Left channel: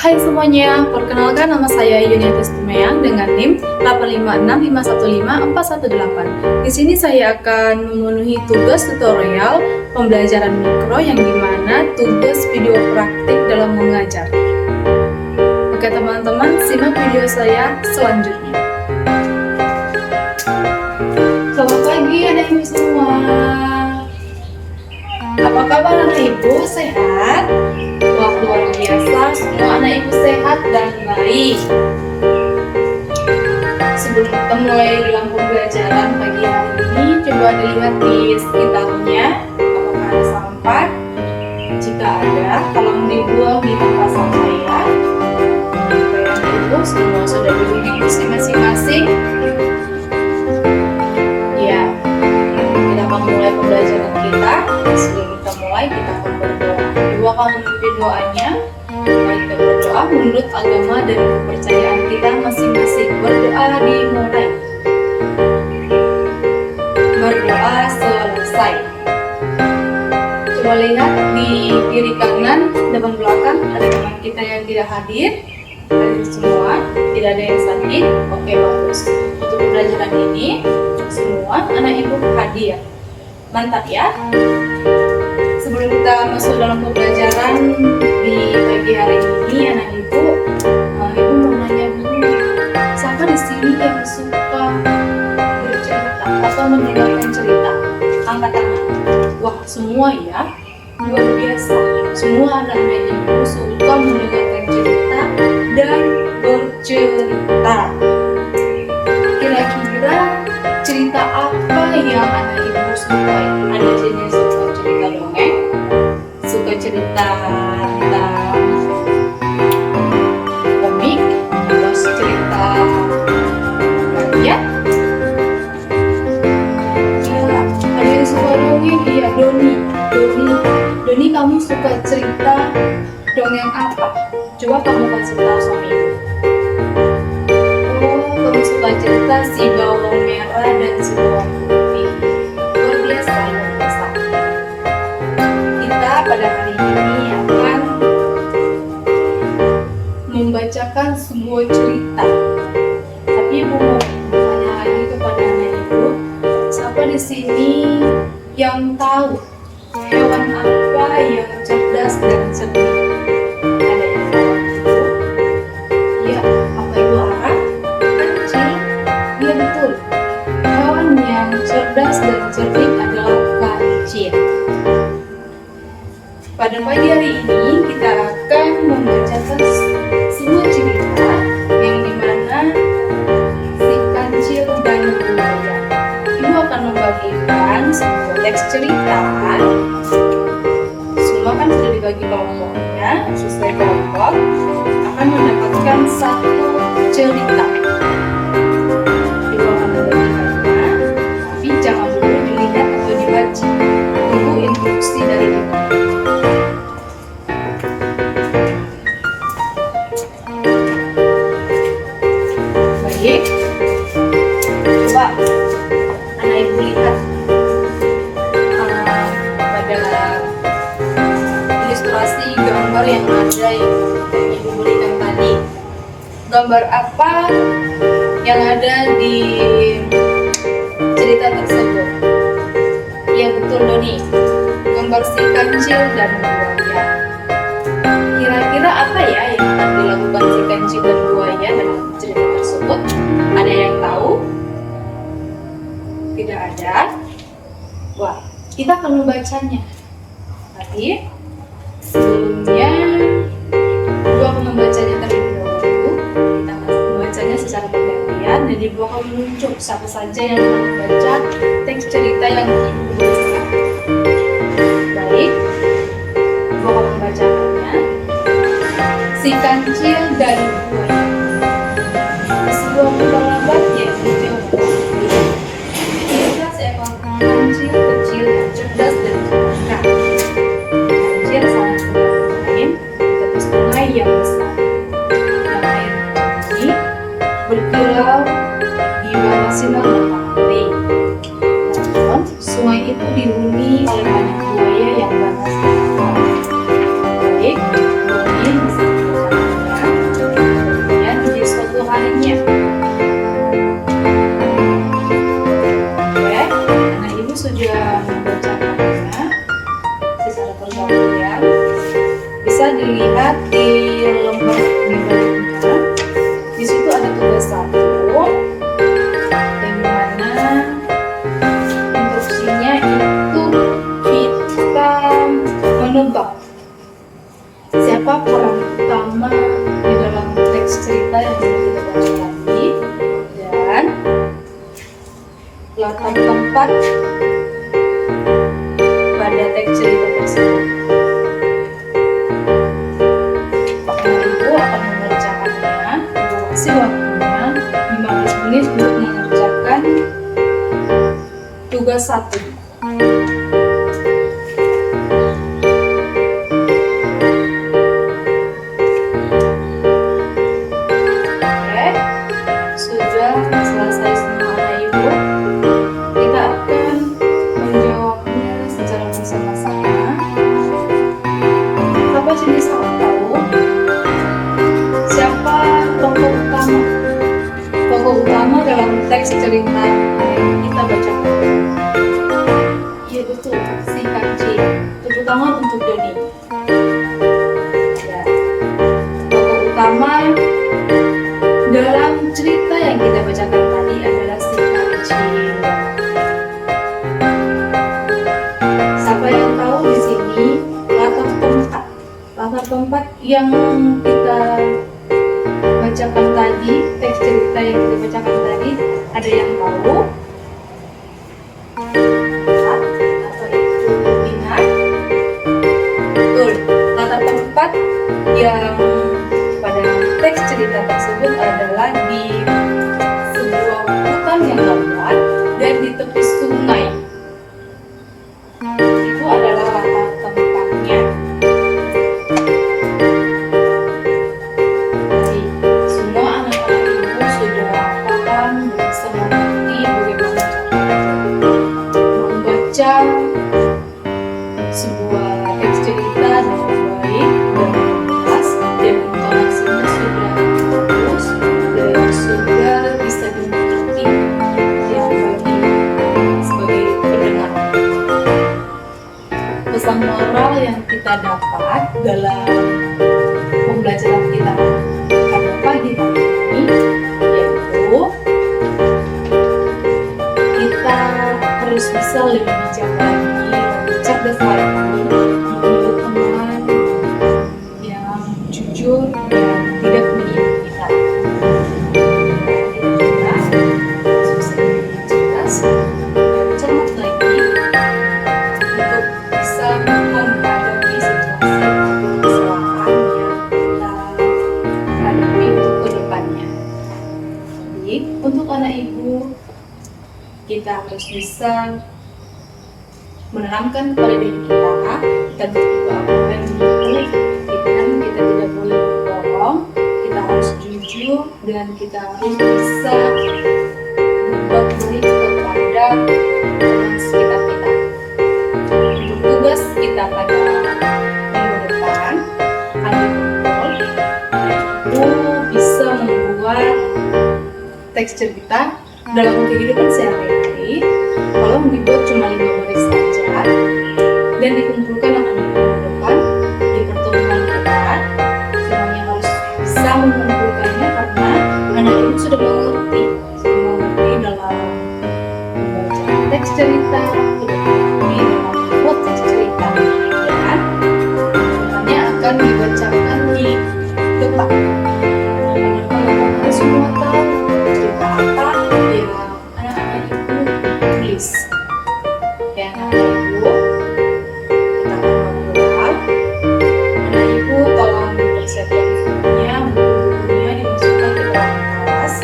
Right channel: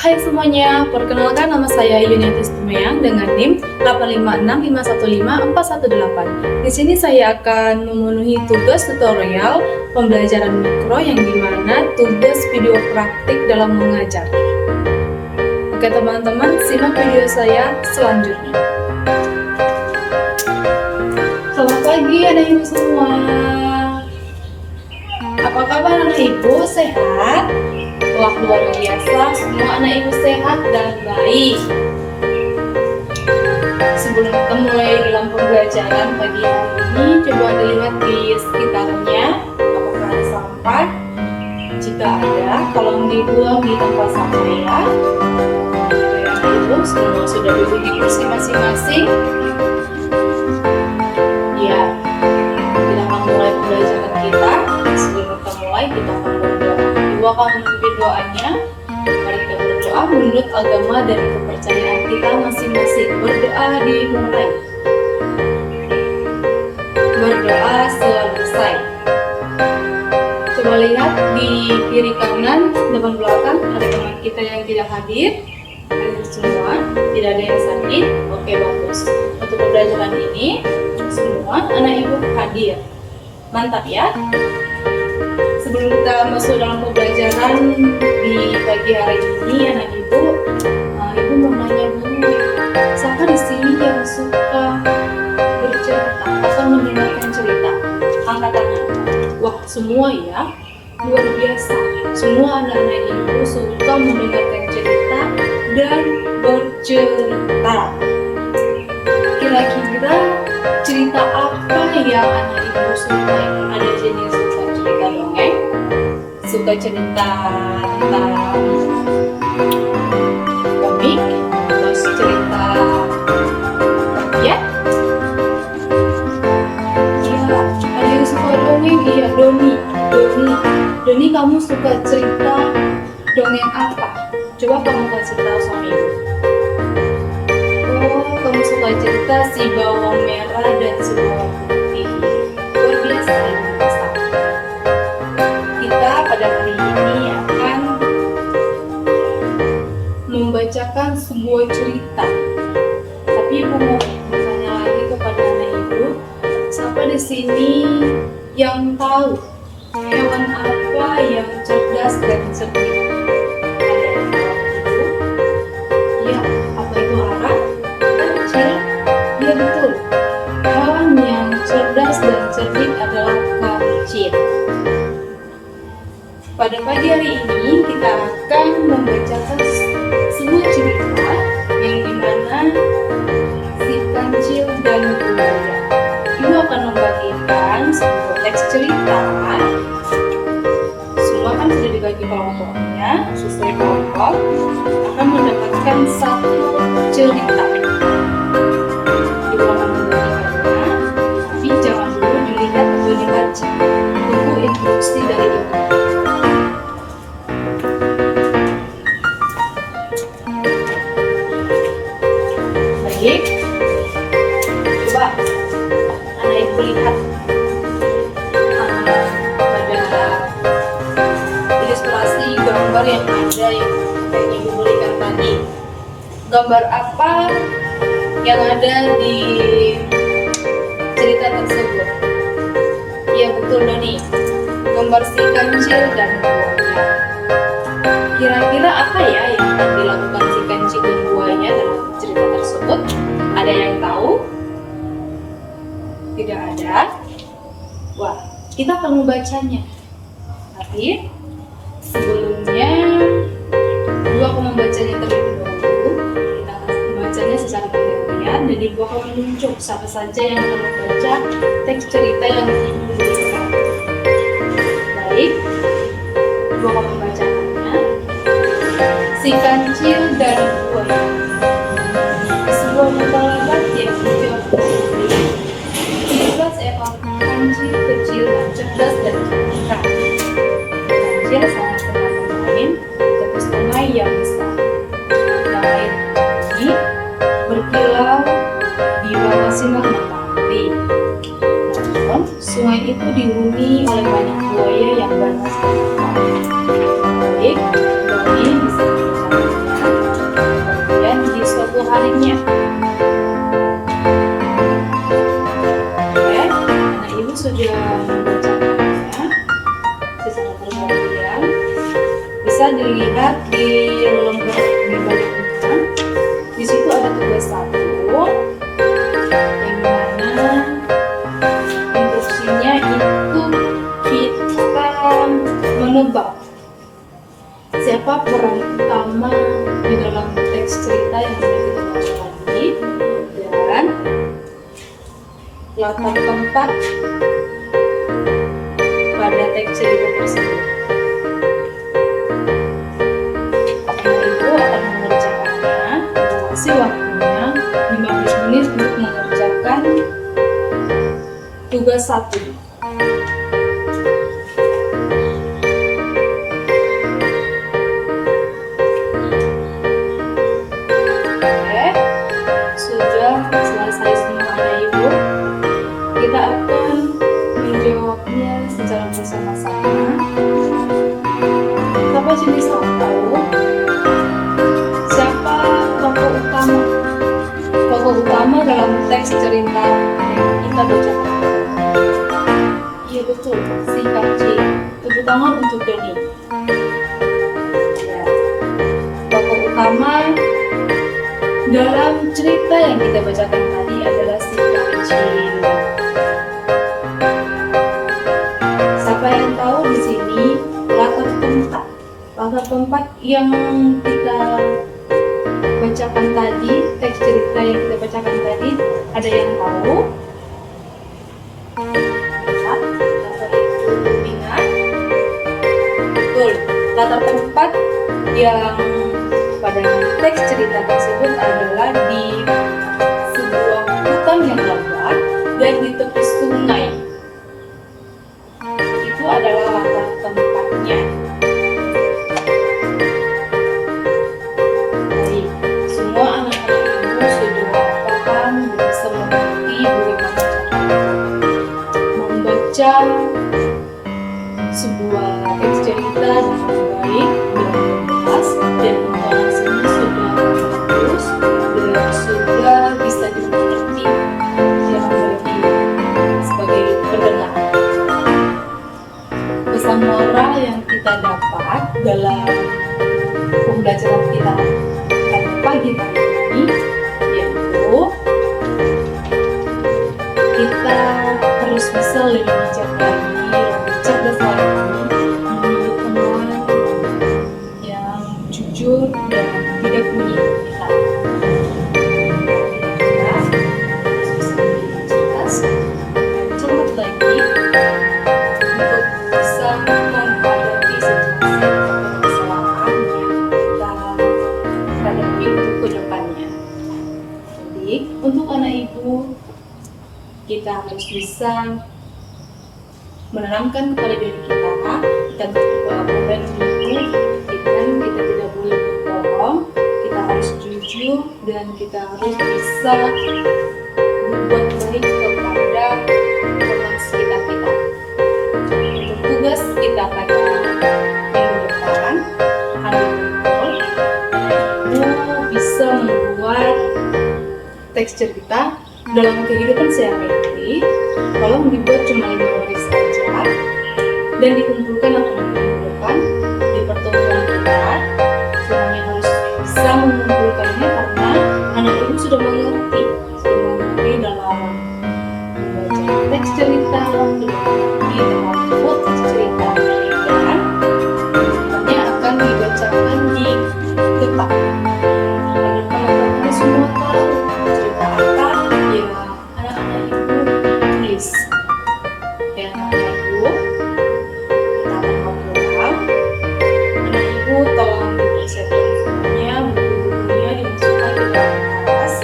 Hai semuanya, perkenalkan nama saya Yuniatis Tumeyang dengan NIM 856515418. Di sini saya akan memenuhi tugas tutorial pembelajaran mikro yang dimana tugas video praktik dalam mengajar. Oke teman-teman, simak video saya selanjutnya. Selamat pagi anak ibu semua. Apa kabar anak ibu? Sehat? Wah, luar biasa, semua anak ibu sehat dan baik. Sebelum kita mulai dalam pembelajaran pagi hari ini, coba dilihat di sekitarnya apakah ada sampah. Jika ada, tolong dibuang di tempat sampah ya. Supaya anak ibu semua sudah duduk di kursi masing-masing. Ya, kita akan mulai pembelajaran kita. Sebelum kita mulai, kita akan berdoa. Ibu akan memimpin doanya. Mari kita berdoa menurut agama dan kepercayaan kita masing-masing. Berdoa dimulai. Berdoa selesai. Coba lihat di kiri kanan, depan belakang ada teman kita yang tidak hadir. Hadir semua, tidak ada yang sakit. Oke, bagus. Untuk pembelajaran ini, semua anak ibu hadir. Mantap ya. Sebelum kita masuk dalam pembelajaran di pagi hari ini, anak ibu mau nanya dulu, siapa di sini yang suka bercerita atau mendengarkan cerita? Angkat tangan. Wah, semua ya, luar biasa. Semua anak-anak ibu suka mendengarkan cerita dan bercerita. Kira-kira cerita apa yang anak ibu suka? Ada jenis suka cerita dongeng, suka cerita tentang komik, atau cerita rakyat. Iya, ada yang suka dongeng. Iya, Doni, kamu suka cerita dongeng apa? Coba kamu kasih tahu sama ibu. Oh, kamu suka cerita si bawang merah dan si bawang putih. Luar biasa, luar biasa. Kita pada hari ini akan membacakan sebuah cerita. Tapi ibu mau bertanya lagi kepada anak ibu, siapa di sini yang tahu hewan apa yang cerdas dan cerdik? Ada yang tahu ibu? Iya, apa ibu harap? Kecil? Iya betul. Hewan yang cerdas dan cerdik adalah kancil. Pada pagi hari ini kita akan membacakan sebuah cerita yang dimana si kancil dan buaya. Ibu akan membagikan sebuah teks cerita. Semua kan sudah dibagi kelompoknya, sesuai kelompok akan mendapatkan satu cerita. Ibu akan membagikannya, tapi jangan dulu dilihat atau dibaca. Tunggu instruksi dari ibu. Baik, coba anak ibu lihat pada ilustrasi gambar yang ada yang ibu berikan tadi. Gambar apa yang ada di cerita tersebut? Iya betul Doni, gambar si kancil dan buaya. Kira-kira apa ya yang akan dilakukan si kancil dan buaya dalam cerita tersebut? Ada yang tahu? Tidak ada? Wah, kita akan membacanya. Tapi sebelumnya ibu akan membacanya terlebih dahulu. Kita akan membacanya secara bergantian dan ibu akan menunjuk siapa saja yang akan membaca teks cerita yang ibu berikan. Baik, ibu akan membacakannya. Si kancil dan buaya. Di sebuah hutan lebat yang hijau putih, hiduplah seekor kancil kecil yang cerdas dan pintar. Kancil sangat senang bermain di tepi sungai yang besar. Yang air jernih berkilau di bawah sinar matahari. Namun, sungai itu dihuni oleh banyak buaya yang ganas dan nakal. Baik, Doni bisa dibacakan ya. dilihat di lembar di baliknya, di situ ada tugas 1 yang mana instruksinya itu kita menebak siapa peran utama di dalam teks cerita yang sudah kita bahas tadi dan latar tempat pada teks cerita tersebut. Ibu akan mengerjakannya, Ibu kasih waktunya 15 menit untuk mengerjakan tugas 1. Sudah selesai semua anak ibu, kita akan menjawabnya secara bersama-sama. Siapa sih bisa tahu siapa tokoh utama? Tokoh utama dalam teks cerita yang kita baca. Iya betul, si Kaci. Tepuk tangan untuk Doni. Ya. Tokoh utama dalam cerita yang kita bacakan tadi adalah si Kancil. Siapa yang tahu di sini latar tempat yang kita bacakan tadi, teks cerita yang kita bacakan tadi, ada yang tahu? Atau itu ingat? Betul, latar tempat yang pada teks cerita tersebut adalah di sebuah hutan yang lebat dan di tepi sungai. Itu adalah latar tempatnya. Jadi, semua anak-anak ibu sudah paham dan bisa mengerti bagaimana membaca sebuah teks cerita dengan baik dan jelas, dan intonasinya sudah bagus dan sudah bisa dimengerti yang bagi sebagai pendengar. Pesan moral yang kita dapat dalam pembelajaran kita pada pagi hari ini yaitu kita harus bisa lebih bijak lagi, lebih cerdas lagi, memilih teman yang jujur dan tidak menipu kita. Kita harus bisa lebih cerdas dan cermat lagi untuk bisa menghadapi situasi atau kesalahan yang kita hadapi untuk kedepannya. Jadi untuk anak ibu, kita harus bisa menanamkan kepada diri kita berdoa dan kita tidak boleh berbohong, kita harus jujur dan kita harus bisa berbuat baik kepada orang sekitar kita. Untuk tugas kita pada minggu depan, ada kumpul, ibu bisa membuat teks cerita dalam kehidupan sehari-hari. Tolong dibuat cuma 5 baris saja dan dikumpulkan dalam minggu depan di pertemuan kita. Semuanya harus bisa mengumpulkannya karena anak ibu sudah mengerti dalam membaca teks cerita, sudah mengerti dalam membuat teks cerita, dan semuanya akan dibacakan di depan. Agar teman-teman semua tahu cerita apa ya anak-anak ibu tulis. Ya anak-anak ibu, kita akan ngobrol. Anak ibu tolong dipersiapkan semuanya, buku-bukunya dimasukkan ke dalam kelas.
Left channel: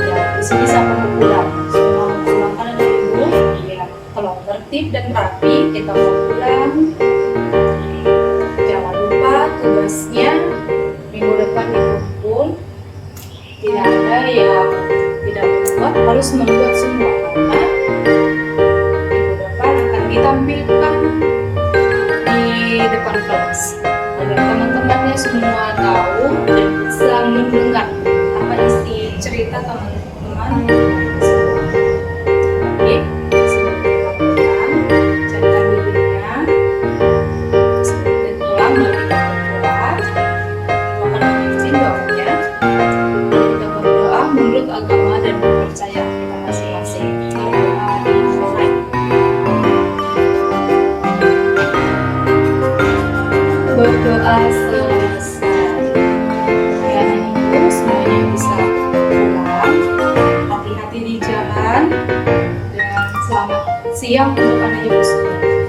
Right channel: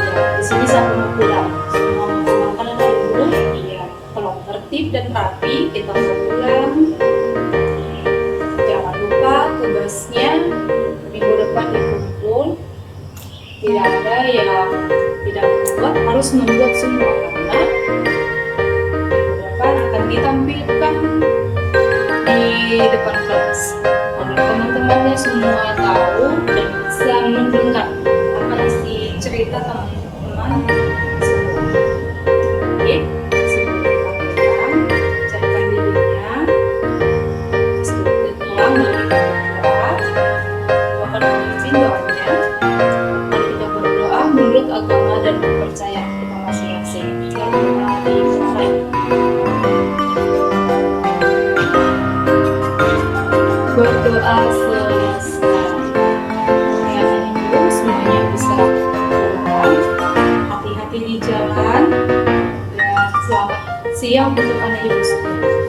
Ya, di sini siapa mau pulang? Semua memulangkan anak ibu. Iya, tolong tertib dan rapi. Kita mau pulang. Jangan lupa tugasnya minggu depan dikumpul. Tidak ada yang tidak membuat, harus membuat semua karena minggu depan akan ditampilkan di depan kelas agar teman-temannya semua tahu dan bisa mendengar apa isi cerita teman-teman semua. Jadi sebelum kita pulang, carikan dirinya, siang untuk anak ibu semua.